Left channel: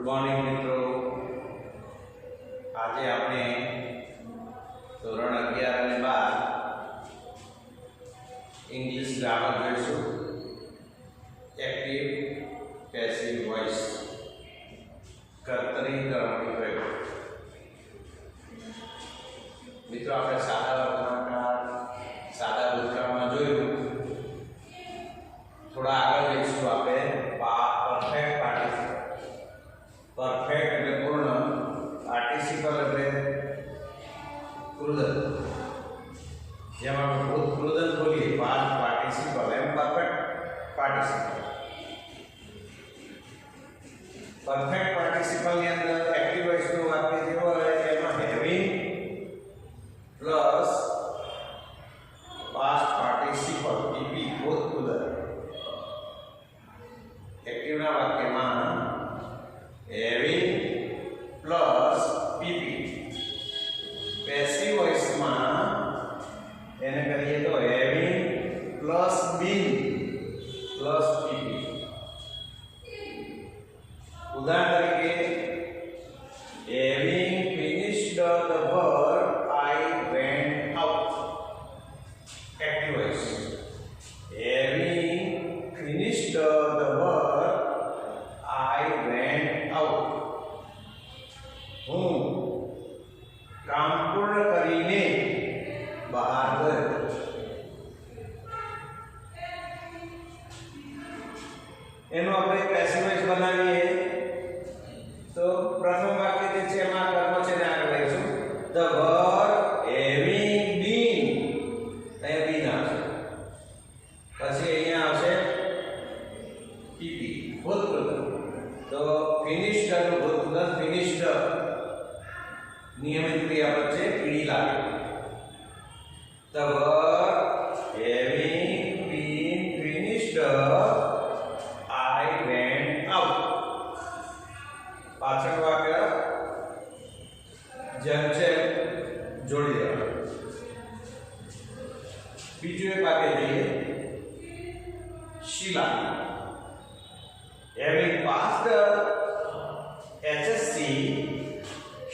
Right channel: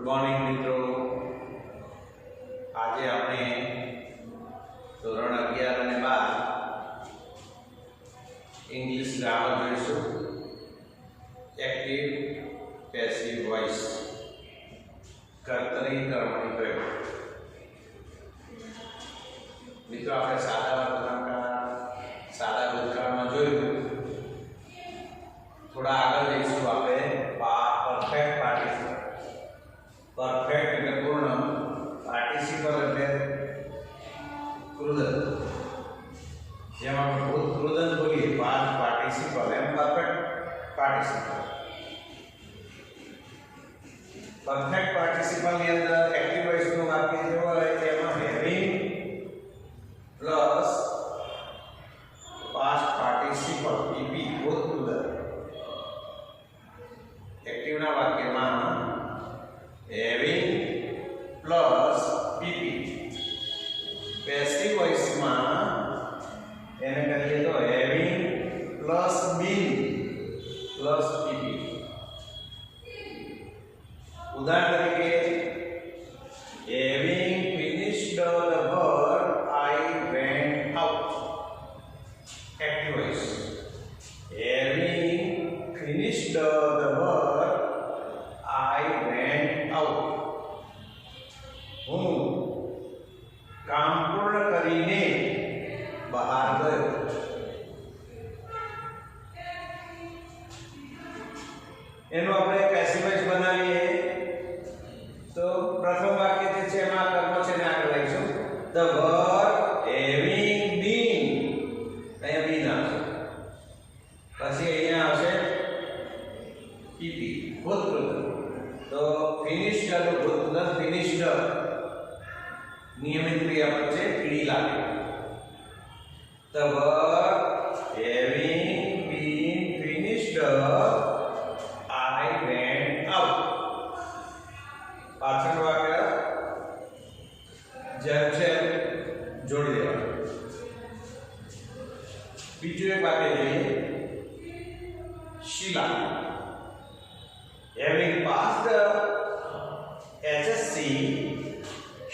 Good morning મિત્રો. આજે આપણે ધોરણ 11 અને 12 ઇંગ્લિશ ગ્રામર જોઈશું. એક્ટિવ પેસિવ વોઇસ, કર્તરી કર્મણી પ્રયોગ. મિત્રો આપણે સાદા વર્તમાનકાળ, સાદા ભૂતકાળમાં જોયું. થોડા આગળ જઈશું આપણે પરફેક્ટ પાર્ટિસિપલ. પરફેક્ટ એટલે પૂર્ણ, પાર્ટિસિપલ એટલે કૃદંત. જેમ આપણે ભૂત કૃદંત બોલીએ, પાસ્ટ પાર્ટિસિપલ, એમ પરફેક્ટ પાર્ટિસિપલ. પરફેક્ટ પાર્ટિસિપલ ની અંદર એક્ટિવ વોઇસનું વાક્ય જેવું હોય એમાં હેવિંગ પ્લસ પાસ્ટ પાર્ટિસિપલ ઈપી ભૂત કૃદંત. એક્ટિવના વાક્યમાં હેવિંગ પ્લસ પીપી. પેસિવ વોઇસમાં એને કહીએ તો having plus being plus PP. ઉદાહરણ તરીકે, having finished the work I went out. Active voice. Having finished the work I went out. હું કામ પૂર્ણ કરીને બહાર ગયો. એનું આપણે પેસિવ વોઇસ બનાવીએ તો પ્રથમ વાક્ય જે છે એમાં કર્મ છે ને આગળ લઈશું. ધ વર્ક હેવિંગ બીન, અહીંયા બીન આવશે. પછી અહીંયા આવશે પીપી ભૂતકૃત. તો ફિનિશ્ડ નું ભૂતકૃત ફિનિશ્ડ નિયમિત ક્રિયાપદ છે, ક્રી લાગે. The work having been finished I went out. પાછળનું વાક્ય જેમ છે જોડી દેવાનું. બીજું એક વાક્ય જોઈએ. શીલા having passed the HSC,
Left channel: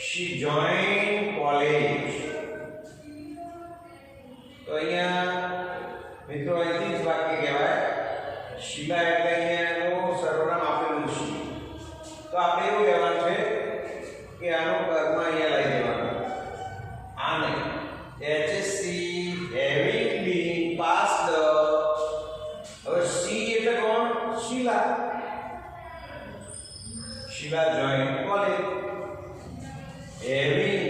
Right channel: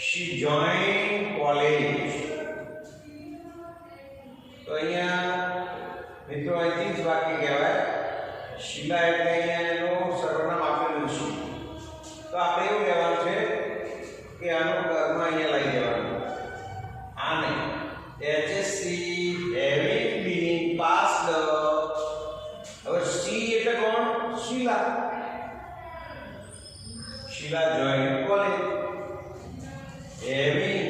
she joined college. તો અહીંયા મિત્રો અહીંથી જ વાક્ય કહેવાય. શીલા એટલે અહીંયા એનું સર્વનામ આપેલું છે. તો આપણે એવું કહેવાનું છે કે આનું કર્મ અહીંયા લઈ દેવાનું. આને HSC having been passed. હવે સી એટલે કોણ? શીલા. Sheila joined college. Having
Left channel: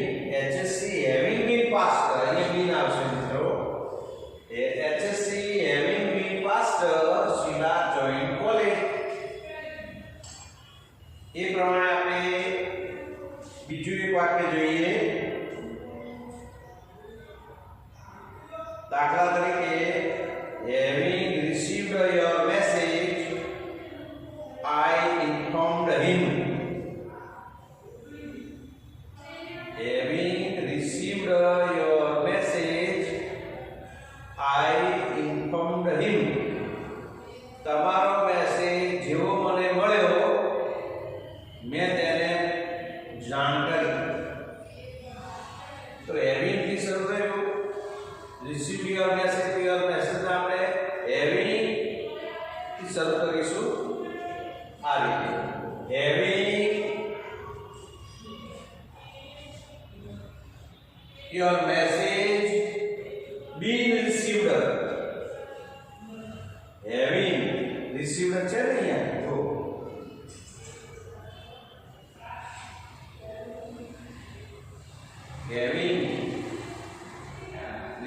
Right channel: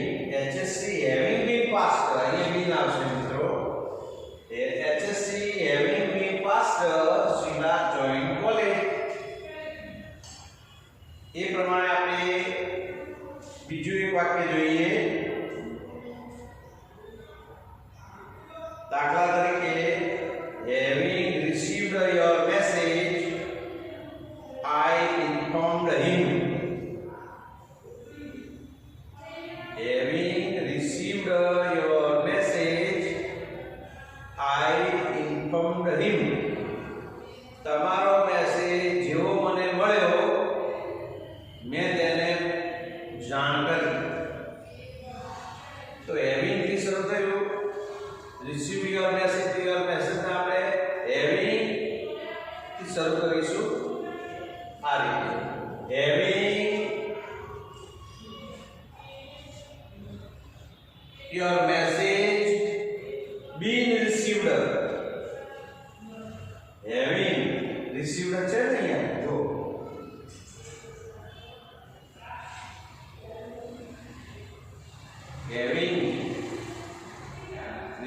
HSC having been passed. અહીંયા been આવશે મિત્રો. HSC having been passed, Sheila joined college. એ પ્રમાણે આપણે બીજું એક વાક્ય જોઈએ. દાખલા તરીકે, having received your message, I informed him. Having received your message, I informed him. તમારો મેસેજ જેવો મને મળ્યો મેં તેને જાણ કરી. તો having થી શરૂ થયું. received your message ને આપણે having થી શરૂ કરીશું. આ રીતે having your message been received. Having received છે ને અહીંયા જો. Having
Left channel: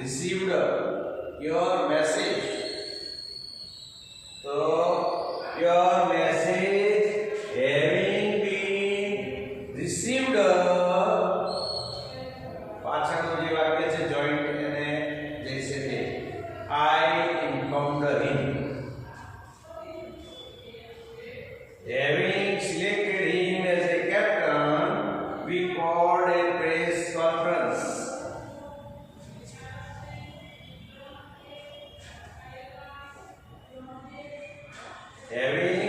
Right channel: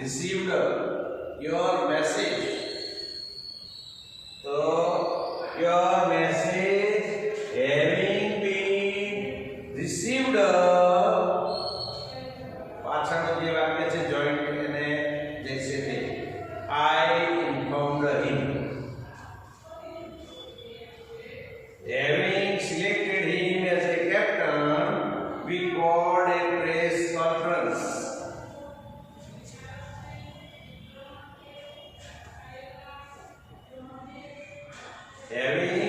received your message. તો your message having been received. પાછળનો જે વાક્ય છે જોઈન્ટ એને જैसे કે I informed him. Having selected him as a captain, we called a press conference. Having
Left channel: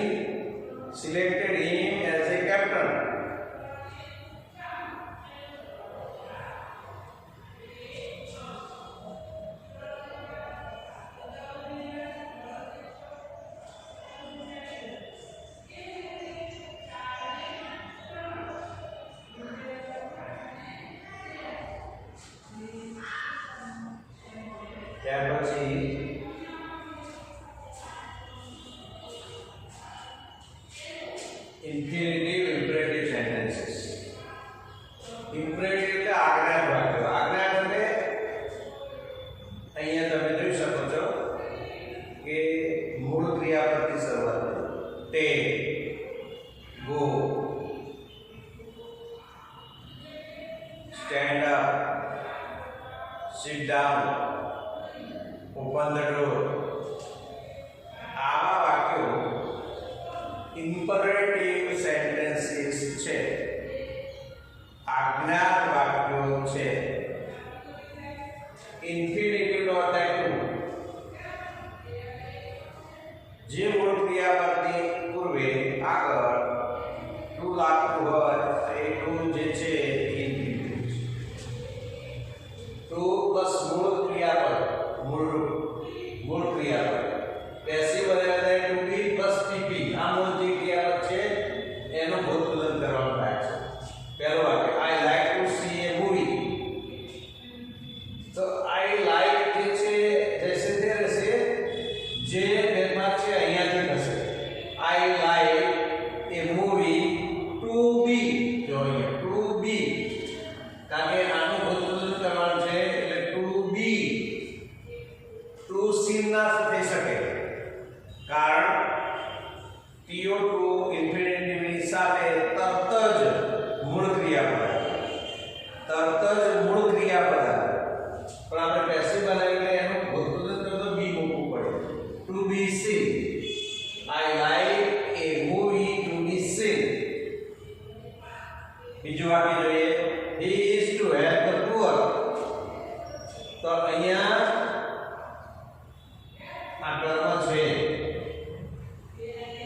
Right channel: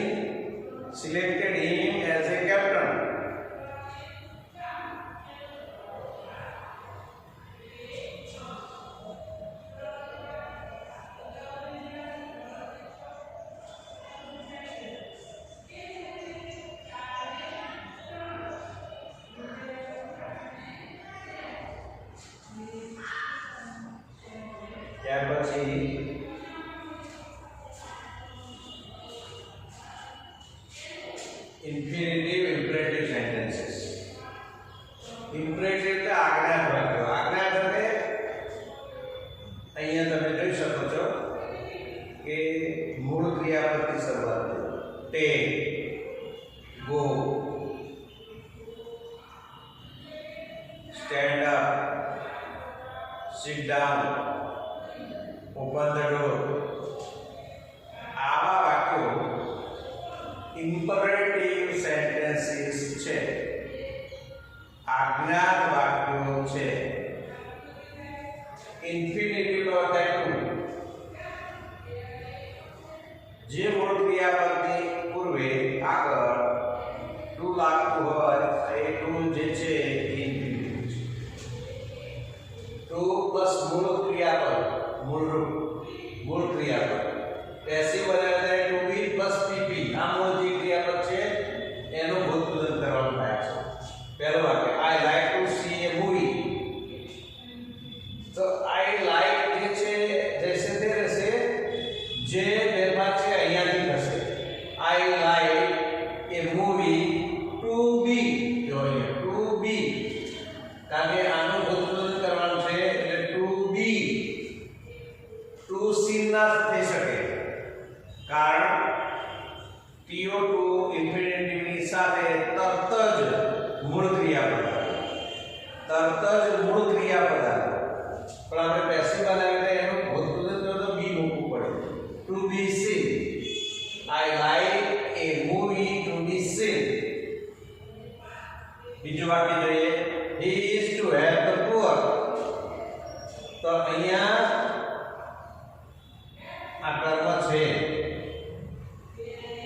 ત્યાર પછી ઇન્ફિનિટિવ ઇમ્પરેટિવ સેન્ટેન્સીસ. ઇમ્પરેટિવ એટલે આજ્ઞા વાક્યો. આજ્ઞા એટલે અહીંયા તમે જોઈ શકો છો કે મૂળ ક્રિયાપદથી શરૂઆત take, go, stand up, sit down, open the door. આવા વાક્યો ઇમ્પરેટિવ સેન્ટેન્સીસ છે, આજ્ઞા વાક્યો છે. ઇન્ફિનિટિવ નો અર્થ એટલું જે મૂળ ક્રિયાપદની પૂર્વે આગળ ટુ લાગતું હોય એ ટુ જે છે ઇન્ફિનિટિવ છે. ટુ પ્લસ મૂળ ક્રિયાપદ, મૂળ ક્રિયાપદ પેસિવ બનાવે ટુ બી પ્લસ ટીપી. આ મૂળ જે ક્રિયાપદ છે એનું ભૂતપૂર્વ કરવાનું થાય છે. પહેલો વાક્ય આઈ લાઈક ટુ સી એ મૂવી. તો આઈ લાઈક જે છે જૈસે તે રહેશે, જે ફેરફાર છે અહીંયાથી થશે. I like a movie to be. જો અહીંયા ટુ બી, કારણ કે આનું ભૂતપૂર્વ કરવાનું છે એટલે ટુ બી. ટુ સી ના થઈ શકે કારણ TO2 ઇન્ફિનિટિવની સાથે તરત જ મૂળ ક્રિયાપદ આવે. તરત જ મૂળ ક્રિયાપદ આવે. પણ આપણે પેસિવ બનાવીને એનું ભૂતપૂર્વ તો બી મૂકવું પડે. To be seen. I like a movie to be seen. બીજું વાક્ય જોઈએ he is to help the poor. તો અહીંયા આ કર્મ છે,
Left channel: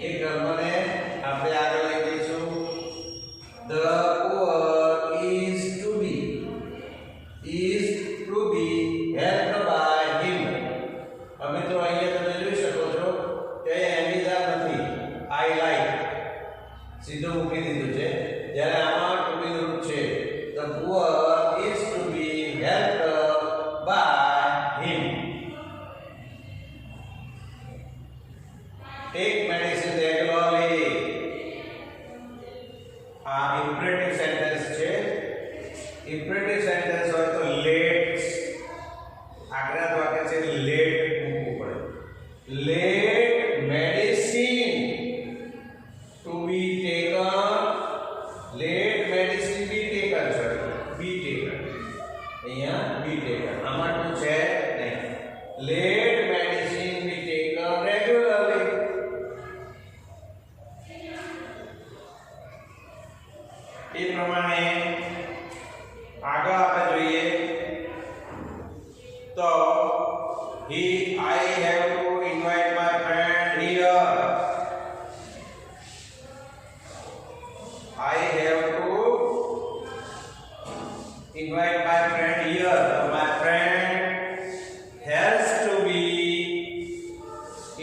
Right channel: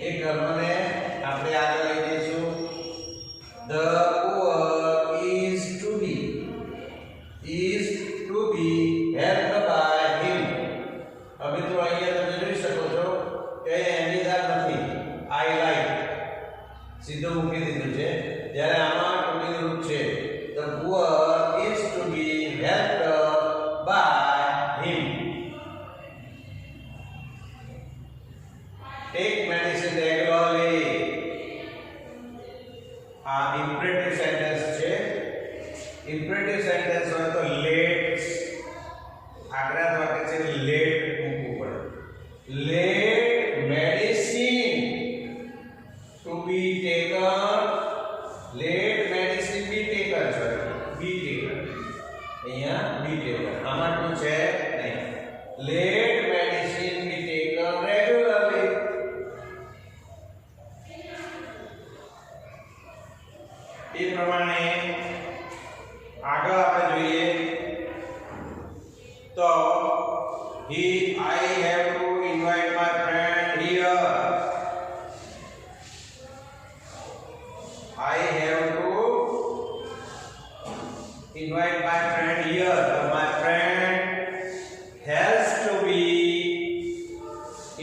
એ કર્મને આપણે આગળ લઈ જઈશું. the poor is to be helped by him. હવે તો અહીંયા તમે જોઈ શકો છો કે એમિધાર નથી, આઈ લાઈક સીધું મૂકી દીધું છે. જ્યારે આમાં ટુબી રૂપ છે the poor is to be helped by him. take medicine regularly. આ ઇમ્પરેટિવ સેન્ટેન્સ છે. ઇમ્પરેટિવ સેન્ટેન્સ હોય તો લેટ, આજ્ઞા વાક્ય છે લેટ મૂકવું પડે. Let medicine to be taken. Let medicine be taken. Sorry, be taken. અહીંયા બી ટેકન. આમાં શું છે નહીં. Let medicine be taken regularly. એ પ્રમાણે આગળ આપણે જોઈએ તો I have to invite my friend here. I have to invite my friend here. My friend has to be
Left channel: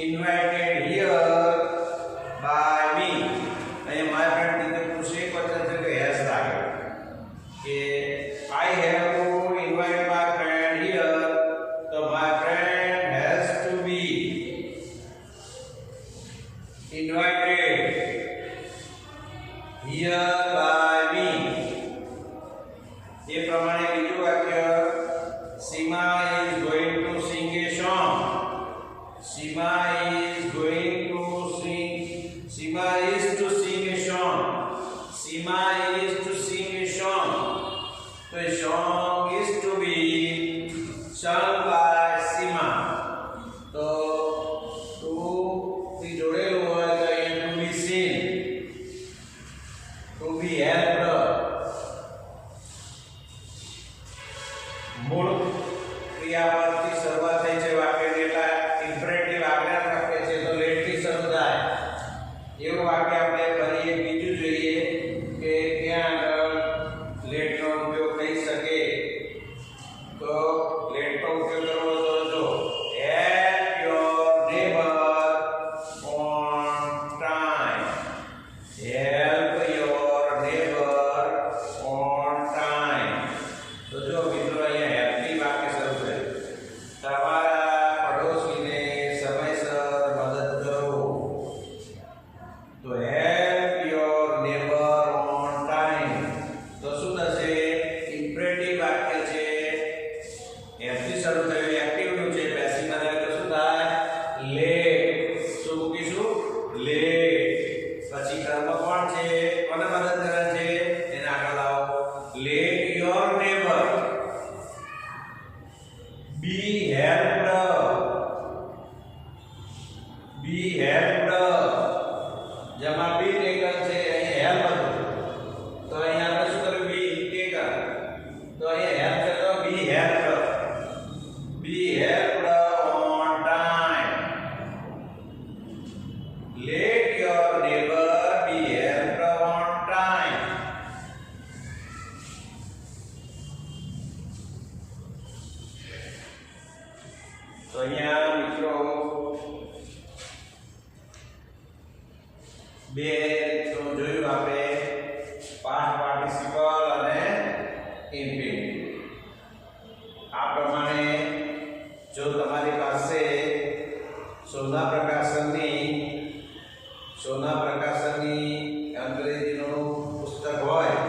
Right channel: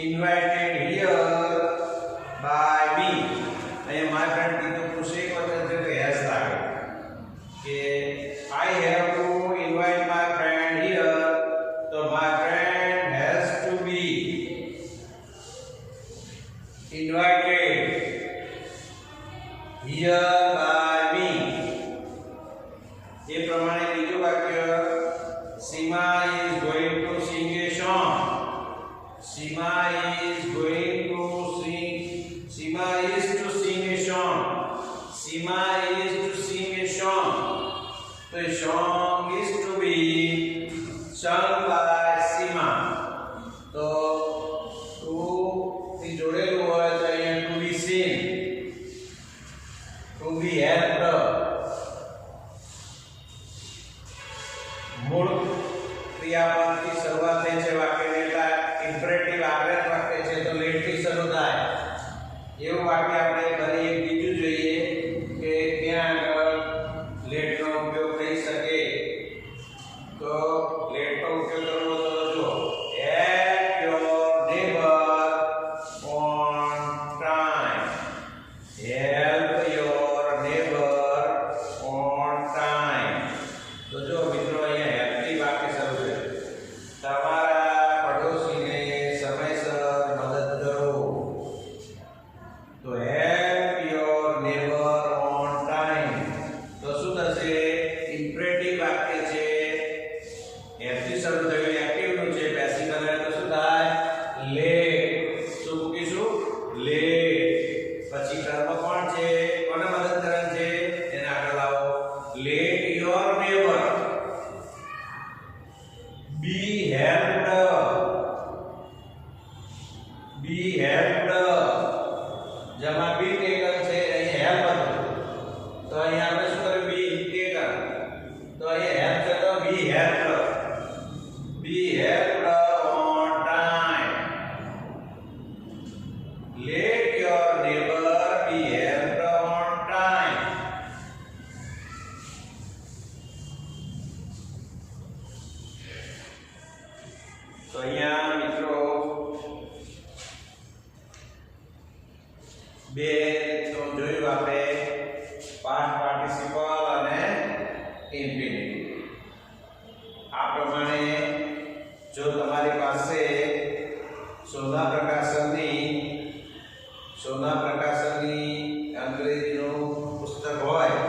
invited here by me. અને my friend કીધું પૂછે એક વખત છે કે has લાગે કે I have to invite my friend here. તો my friend has to be invited here by me. એ પ્રમાણે બીજું વાક્ય Seema is going to sing a song. Seema is going to sing. Seema is to sing a song. Seema is to sing a song. The song is to be sung by Seema. તો ટુ થી જોડેલું હોય તો અહીંયા two be scene, two બી હેલ્પ્ડ. મૂળ ક્રિયાપદથી શરૂઆત થઈ છે વાક્યની, એટલે ઇમ્પરેટિવ આજ્ઞા વાક્ય છે તો લેટથી શરૂ થાય. એવું વાક્ય આપણે કરીએ. બીજું જોઈએ કે ત્યાં આગળ લેટનો ઉપયોગ થઈ શકે. તો લેટનો ઉપયોગ કરવો તો જો help your neighbor on time. Help your neighbor on time. તો જો મિત્રો અહીંયા હેલ્પથી વાક્ય શરૂ છે. તમારા બી હેલ્પ્ડ જેમાં બી ટેકન છે અહીં હેલ્પ હતું તો અહીં આપણે શું કર્યું બી ટેકન તો અહીં હેલ્પ છે તો be helped on time let your neighbour be helped on time તો અહીંયા મિત્રો બે તો જોયું આપણે પાસ્ટ પાર્ટિસિપલ અને ઇન્ફિનિટિવ આ પ્રમાણે જો તમારી પાસે સોના પ્રકાશનની અંગ્રેજીનું પુસ્તક હોય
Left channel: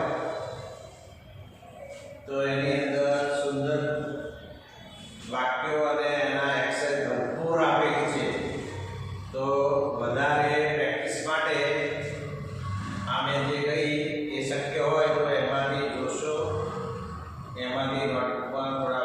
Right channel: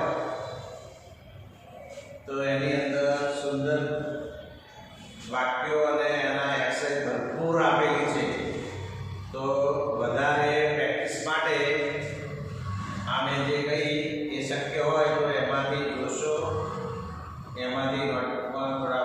તો એની અંદર સુંદર વાક્યો અને એના એક્સરસાઇઝ ભરપૂર આપેલી છે તો વધારે પ્રેક્ટિસ માટે આમે જે કહી એ શક્ય હોય તો એમાંથી જોશો એમાંથી નોટબુકમાં થોડા